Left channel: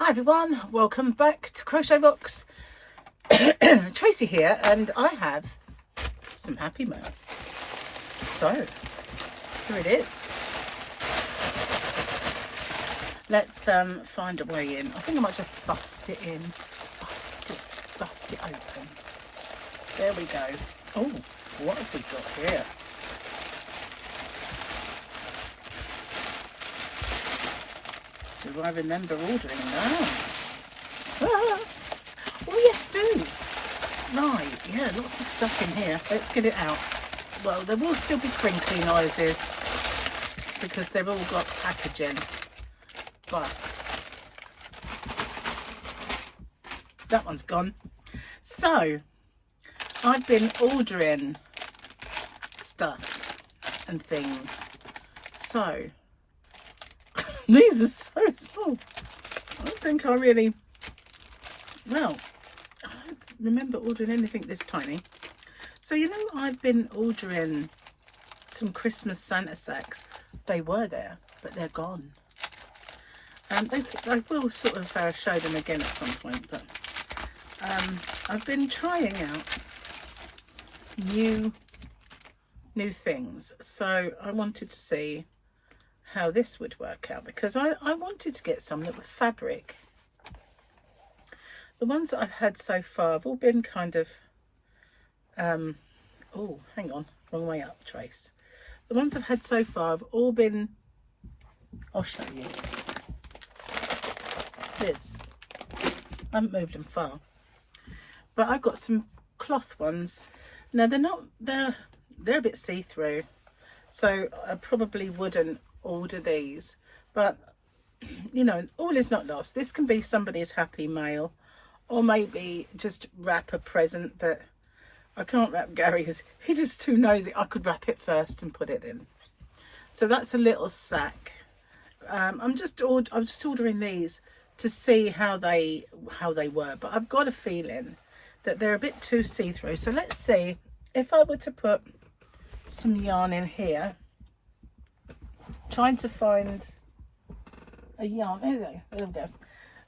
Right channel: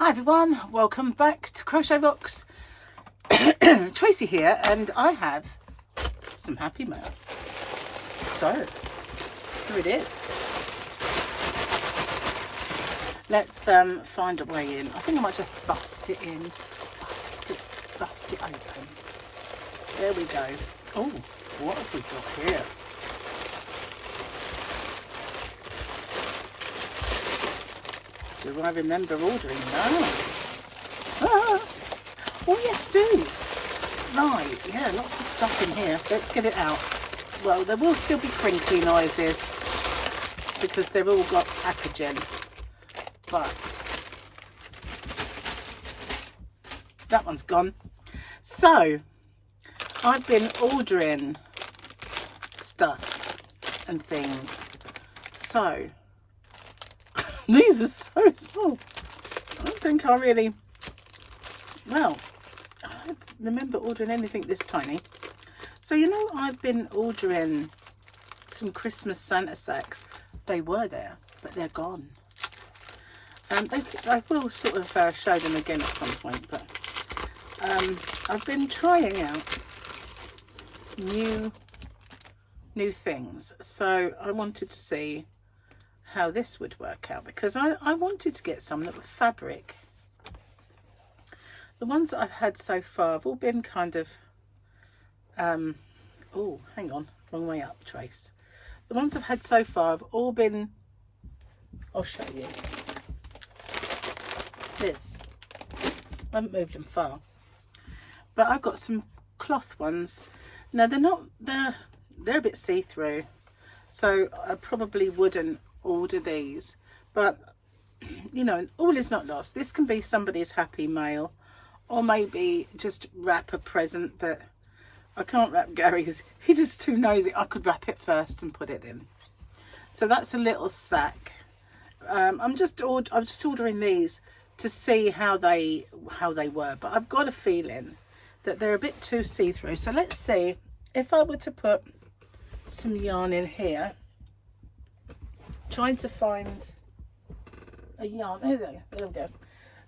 Hi everyone, welcome back to Crochet Rocks. Tracy here, and I have some happy mail. So, here it is. Let's find a way in. I think I might just bust it in. Bust it open. There we go. Oh, what have we got here? Do I remember ordering that? Ah. Oh yes, do. Right, yeah, lots of stuff in here. Let's get it out. Well, there will still be crinkly noises because they've all got packaging, but that one's gone. So I've been ordering stuff and things. So these are so small. I don't think I really, well, I don't remember ordering anything this tiny. So, you know, I've been ordering some Christmas Santa sacks. They were there, but they're gone. I will sort of show them again at some point, but I've been trying out new things. So I wanted to see how this would work out, because I wanted to get some that were fabric. The ones that I've had so far have all been kind of oh, hang on, wrong way up, Trace. The ones I've had so far have all been, I'll show you this. I haven't moved them far, but I've got some cloth ones. Now they're a bit see-through, so I probably wouldn't order these, but you know, all is not lost. This can be somebody's happy mail, or maybe just wrap a present that I can't wrap Gary's. He just too nosy. I could wrap it first and put it in. So that's a little sack. I'm just ordering these to see how they were, but I've got a feeling that they're a bit too see-through. So let's see if I were to put some yarn in here. Trying to find a yarn. There we go.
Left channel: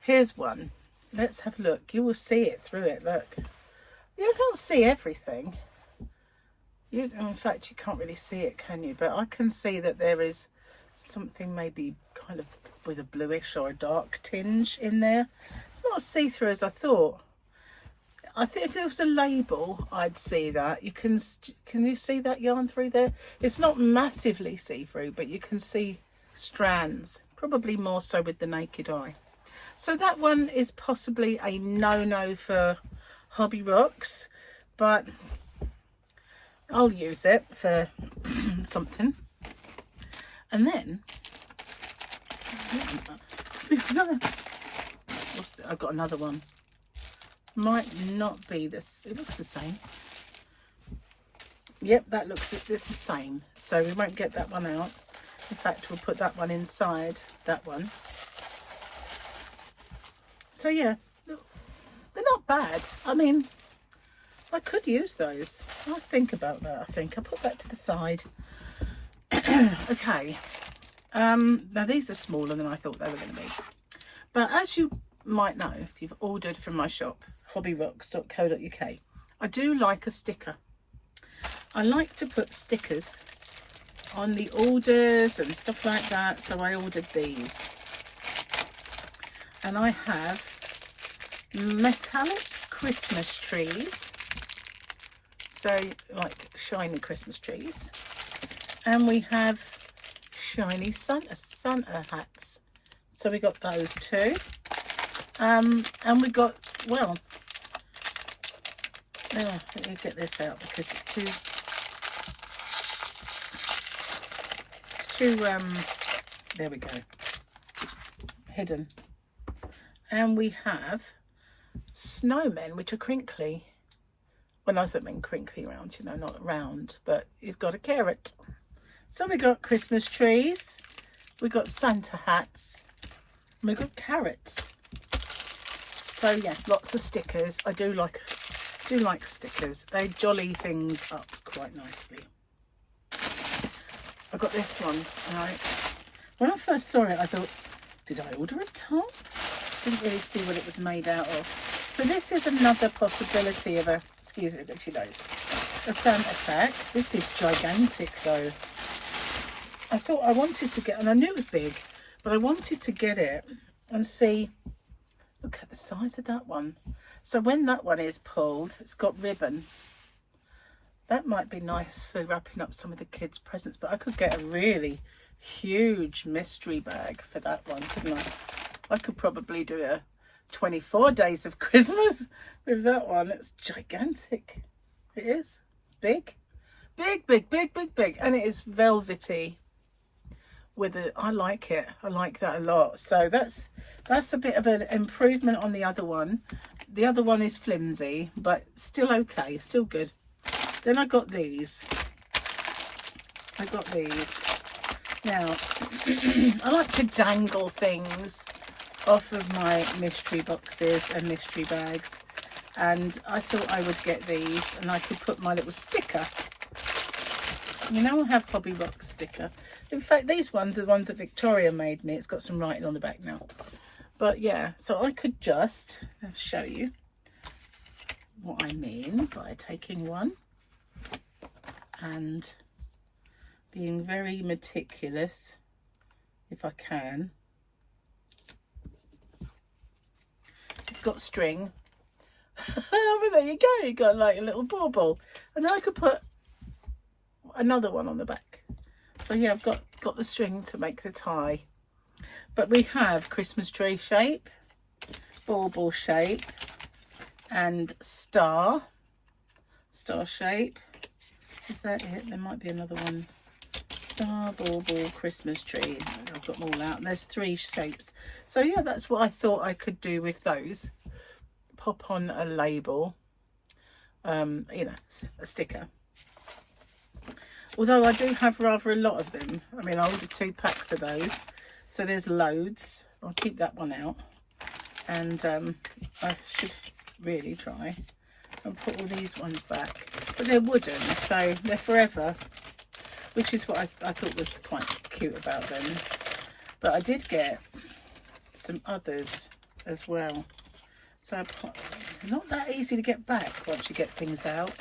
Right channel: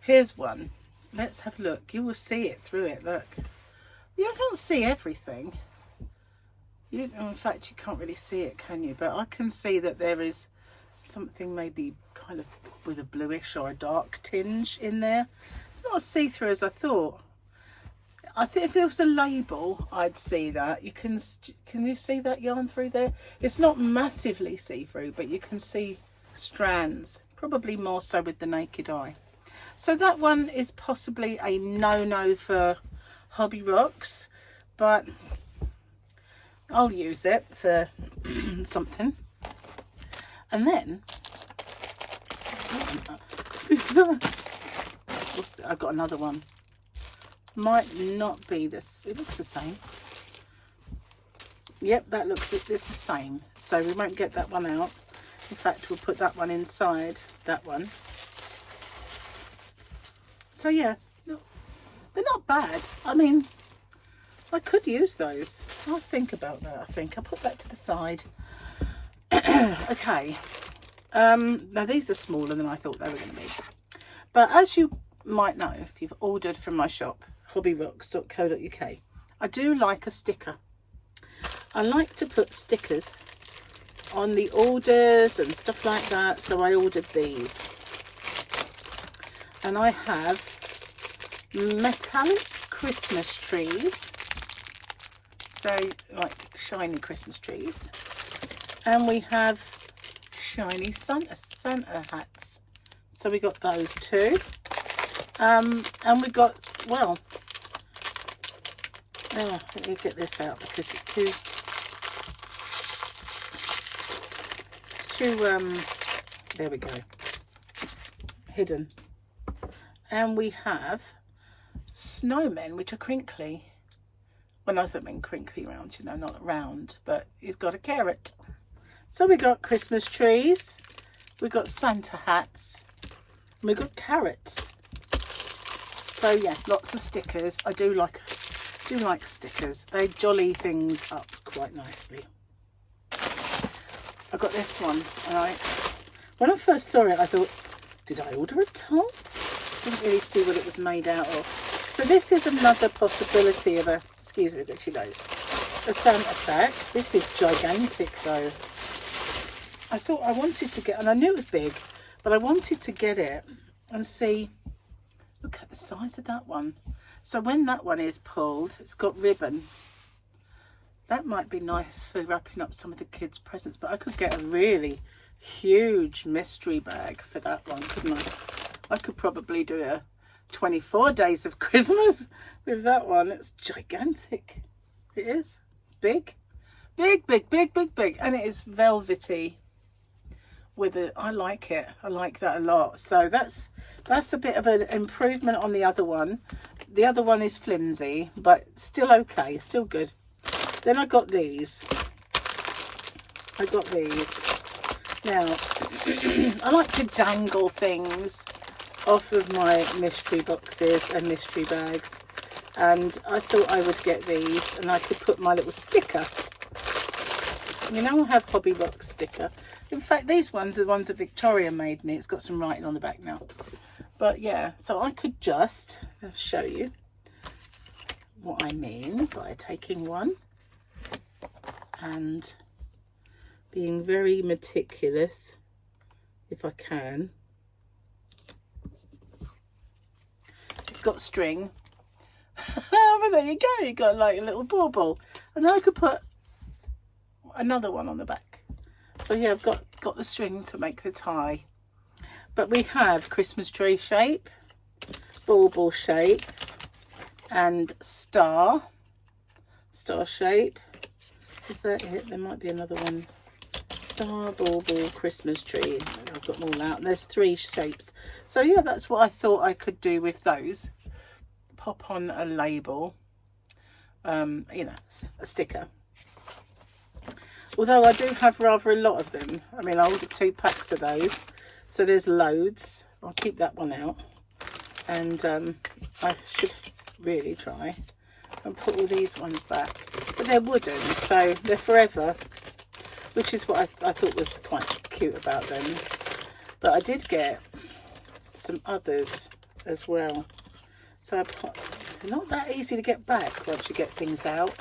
Here's one. Let's have a look. You will see it through it. Look, you can't see everything. In fact, you can't really see it, can you? But I can see that there is something maybe kind of with a bluish or a dark tinge in there. It's not as see-through as I thought. I think if there was a label, I'd see that. Can you see that yarn through there? It's not massively see-through, but you can see strands, probably more so with the naked eye. So that one is possibly a no-no for Hobby Rocks, but I'll use it for something. And then I've got another one. Might not be this. It looks the same. Yep, that looks it's the same. So we won't get that one out. In fact, we'll put that one inside that one. So yeah, they're not bad. I mean, I could use those. I'll think about that. I think I'll put that to the side. Okay. Now these are smaller than I thought they were going to be. But as you might know, if you've ordered from my shop, hobbyrocks.co.uk, I do like a sticker. I like to put stickers on the orders and stuff like that, so I ordered these. And I have metallic Christmas trees, so like shiny Christmas trees, and we have shiny Santa hats, so we got those too. And we got, well, let me get this out because it's too there we go, hidden. And we have snowmen, which are crinkly. When I mean crinkly round, you know, not round, but he's got a carrot. So we got Christmas trees, we got Santa hats, and we got carrots. So yeah, lots of stickers. I do like stickers. They jolly things up quite nicely. I got this one, and when I first saw it, I thought, did I order a top? Didn't really see what it was made out of. So this is another possibility of a, excuse me, she knows, a Santa sack. This is gigantic though. I thought I wanted to get, and I knew it was big, but I wanted to get it and see, look at the size of that one. So when that one is pulled, it's got ribbon. That might be nice for wrapping up some of the kids' presents, but I could get a really huge mystery bag for that one, couldn't I? I could probably do a 24 days of Christmas with that one. It's gigantic. It is big, big, big, big, big, big, and it is velvety. With it, I like it. I like that a lot. So that's a bit of an improvement on the other one. The other one is flimsy, but still okay, still good. Then I got these. Now, I like to dangle things off of my mystery boxes and mystery bags, and I thought I would get these, and I could put my little sticker. You know, I have hobby box sticker. In fact, these ones are the ones that Victoria made me. It's got some writing on the back now. But yeah, so I could just show you what I mean by taking one and being very meticulous, if I can. It's got string. But there you go, you got like a little bauble. And then I could put another one on the back. So yeah, I've got the string to make the tie. But we have Christmas tree shape, bauble shape, and star shape. Is that it? There might be another one. Star, bauble, Christmas tree. I've got them all out. There's 3 shapes. So yeah, that's what I thought I could do with those. Pop on a label, you know, a sticker. Although I do have rather a lot of them. I mean, I ordered 2 packs of those, so there's loads. I'll keep that one out, and I should really try and put all these ones back. But they're wooden, so they're forever, which is what I thought was quite cute about them. But I did get some others as well. So they're not that easy to get back once you get things out.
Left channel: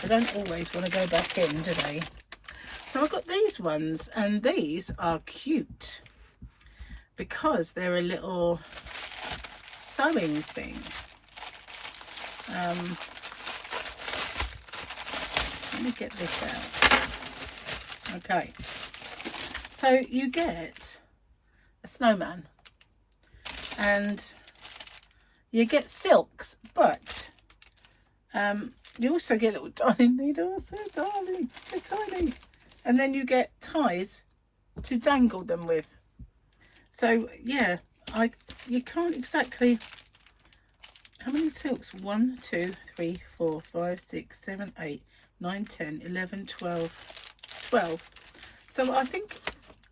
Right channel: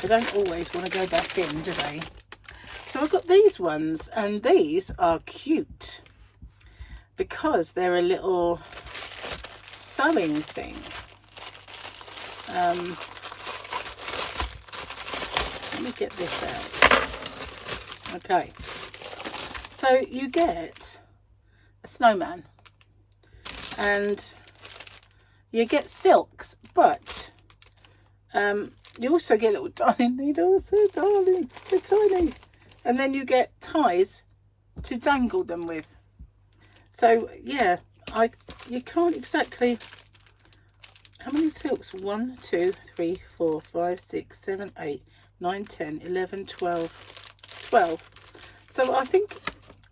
They don't always want to go back in, do they? So I got these ones, and these are cute because they're a little sewing thing. Let me get this out. Okay, so you get a snowman and you get silks, but you also get little darning needles. They're darling, they're tiny. And then you get ties to dangle them with. So yeah, you can't exactly, how many silks? 1, 2, 3, 4, 5, 6, 7, 8, 9, 10, 11, 12, 12. So I think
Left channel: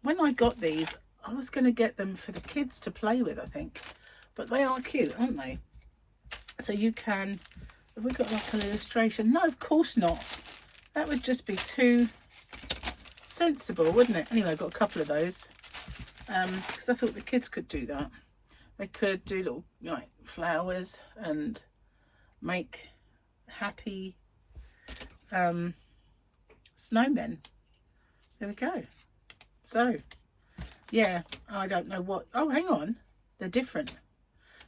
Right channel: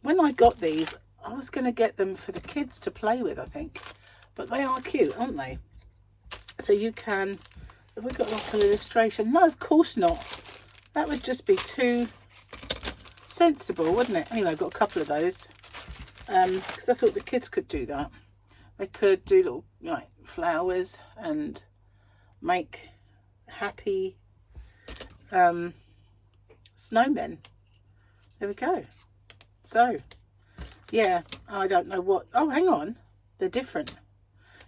when I got these, I was going to get them for the kids to play with, I think. But they are cute, aren't they? So you can, have we got like an illustration? No, of course not. That would just be too sensible, wouldn't it? Anyway, I've got a couple of those. Because I thought the kids could do that. They could do little like flowers and make happy snowmen. There we go. So yeah, I don't know what, oh hang on, they're different.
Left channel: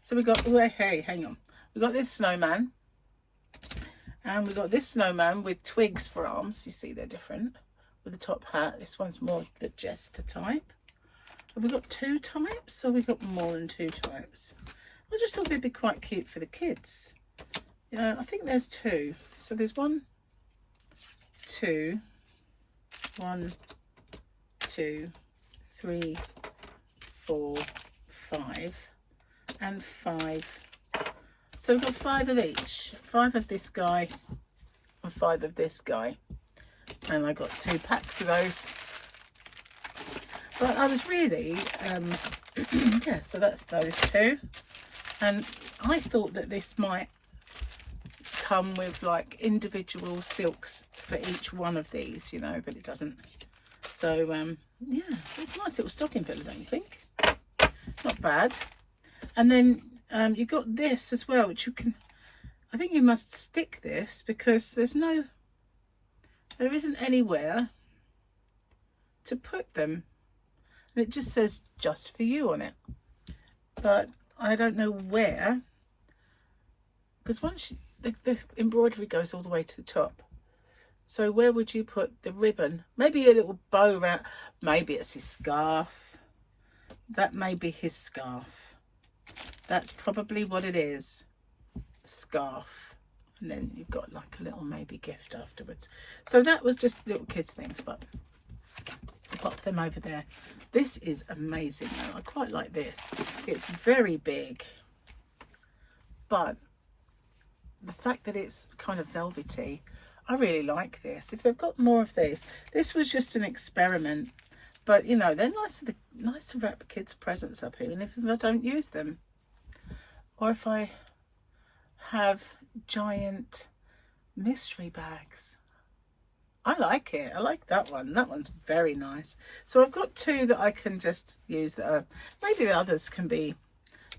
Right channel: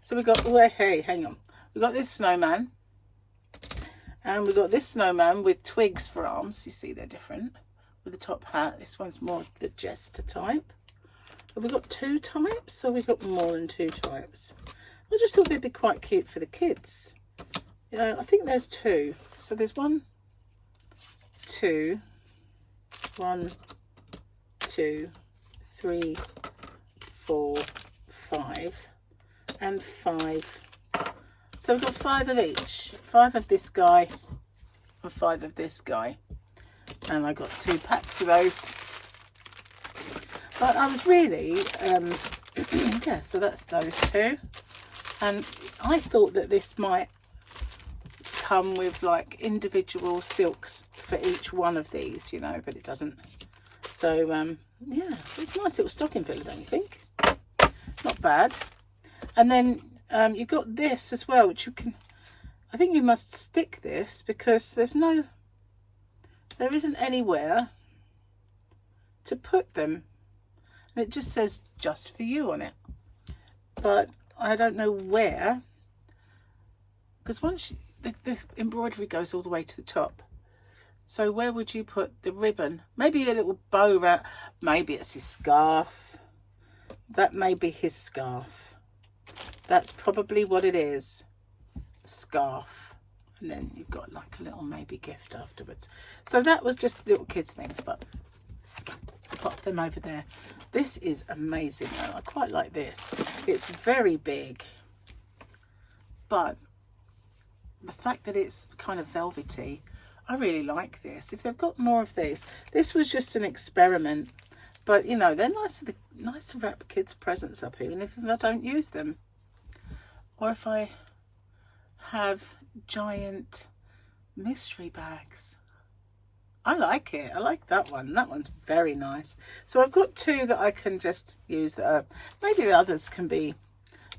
So we got, oh hey, hang on, we got this snowman, and we got this snowman with twigs for arms. You see they're different with the top hat. This one's more the jester type. Have we got 2 types, or we got more than 2 types? I just thought they'd be quite cute for the kids. Yeah, I think there's 2. So there's 1, 2, 1, 2, 3, 4, 5, and 5. So we've got 5 of each. 5 of this guy and 5 of this guy. And I got 2 packs of those. But I was really, yeah, so that's those 2. And I thought that this might come with like individual silks for each one of these, you know, but it doesn't. So, yeah, it's a nice little stocking filler, don't you think? Not bad. And then you got this as well, which you can, I think you must stick this because there isn't anywhere to put them. And it just says just for you on it. But I don't know where, because once the embroidery goes all the way to the top. So where would you put the ribbon? Maybe a little bow around. Maybe it's his scarf. That may be his scarf. That's probably what it is. Scarf. And then you've got like a little maybe gift afterwards. So that was just little kids things, but pop them over there. This is amazing though. I quite like this. It's very big, but the fact that it's kind of velvety, I really like this. If they've got more of these, this was just an experiment, but you know, they're nice to wrap kids' presents up even if I don't use them, or if I have giant mystery bags. I like it. I like that one. That one's very nice. So I've got two that I can just use that are, maybe the others can be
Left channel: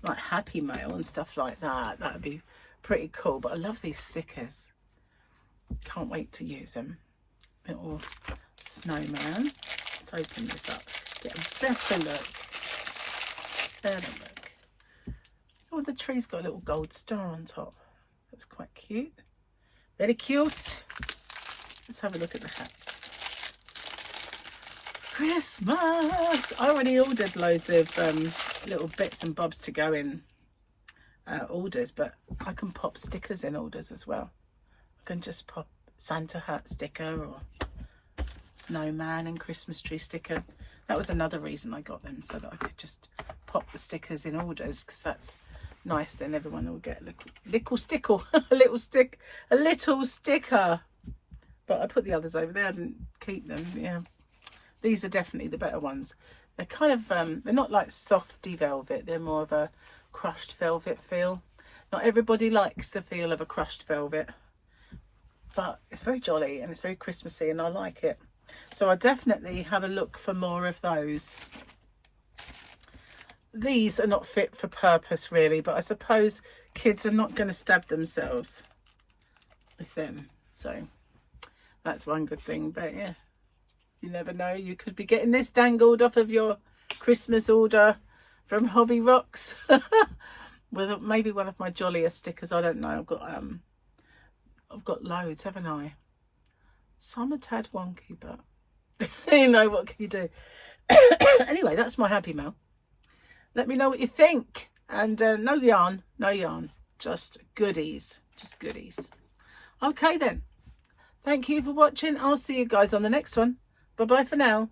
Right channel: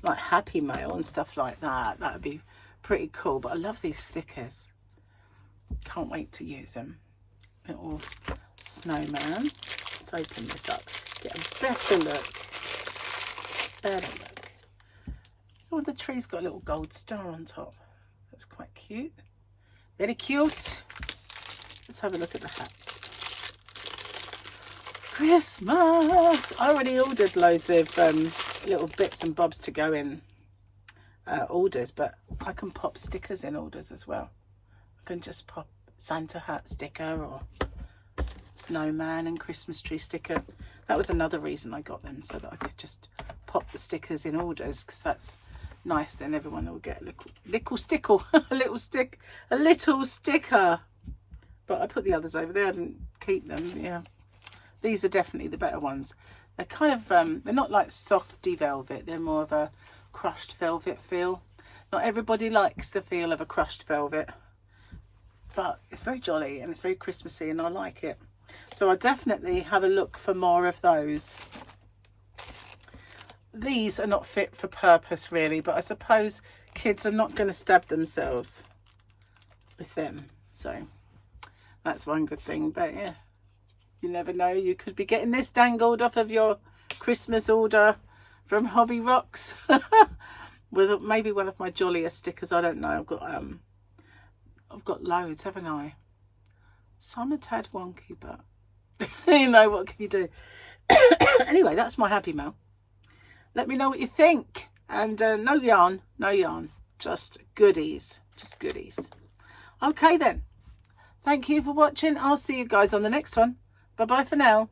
like Happy Mail and stuff like that. That would be pretty cool. But I love these stickers. Can't wait to use them. Little snowman. Let's open this up. Get a better look. Better look. Oh, the tree's got a little gold star on top. That's quite cute. Very cute. Let's have a look at the hats. Christmas! I already ordered loads of little bits and bobs to go in orders, but I can pop stickers in orders as well. I can just pop Santa hat sticker or snowman and Christmas tree sticker. That was another reason I got them, so that I could just pop the stickers in orders, because that's nice. Then everyone will get a little stickle, a little sticker. But I put the others over there and keep them. Yeah, these are definitely the better ones. They're kind of they're not like softy velvet. They're more of a crushed velvet feel. Not everybody likes the feel of a crushed velvet, but it's very jolly and it's very Christmassy, and I like it. So I definitely have a look for more of those. These are not fit for purpose really, but I suppose kids are not going to stab themselves with them, so that's one good thing. But yeah, you never know, you could be getting this dangled off of your Christmas order from Hobby Rocks with maybe one of my jolliest stickers. I don't know. I've got loads, haven't I? Some are tad wonky, but you know, what can you do? Anyway, that's my Happy Mail. Let me know what you think. And no yarn, just goodies, Okay then. Thank you for watching. I'll see you guys on the next one. Bye bye for now.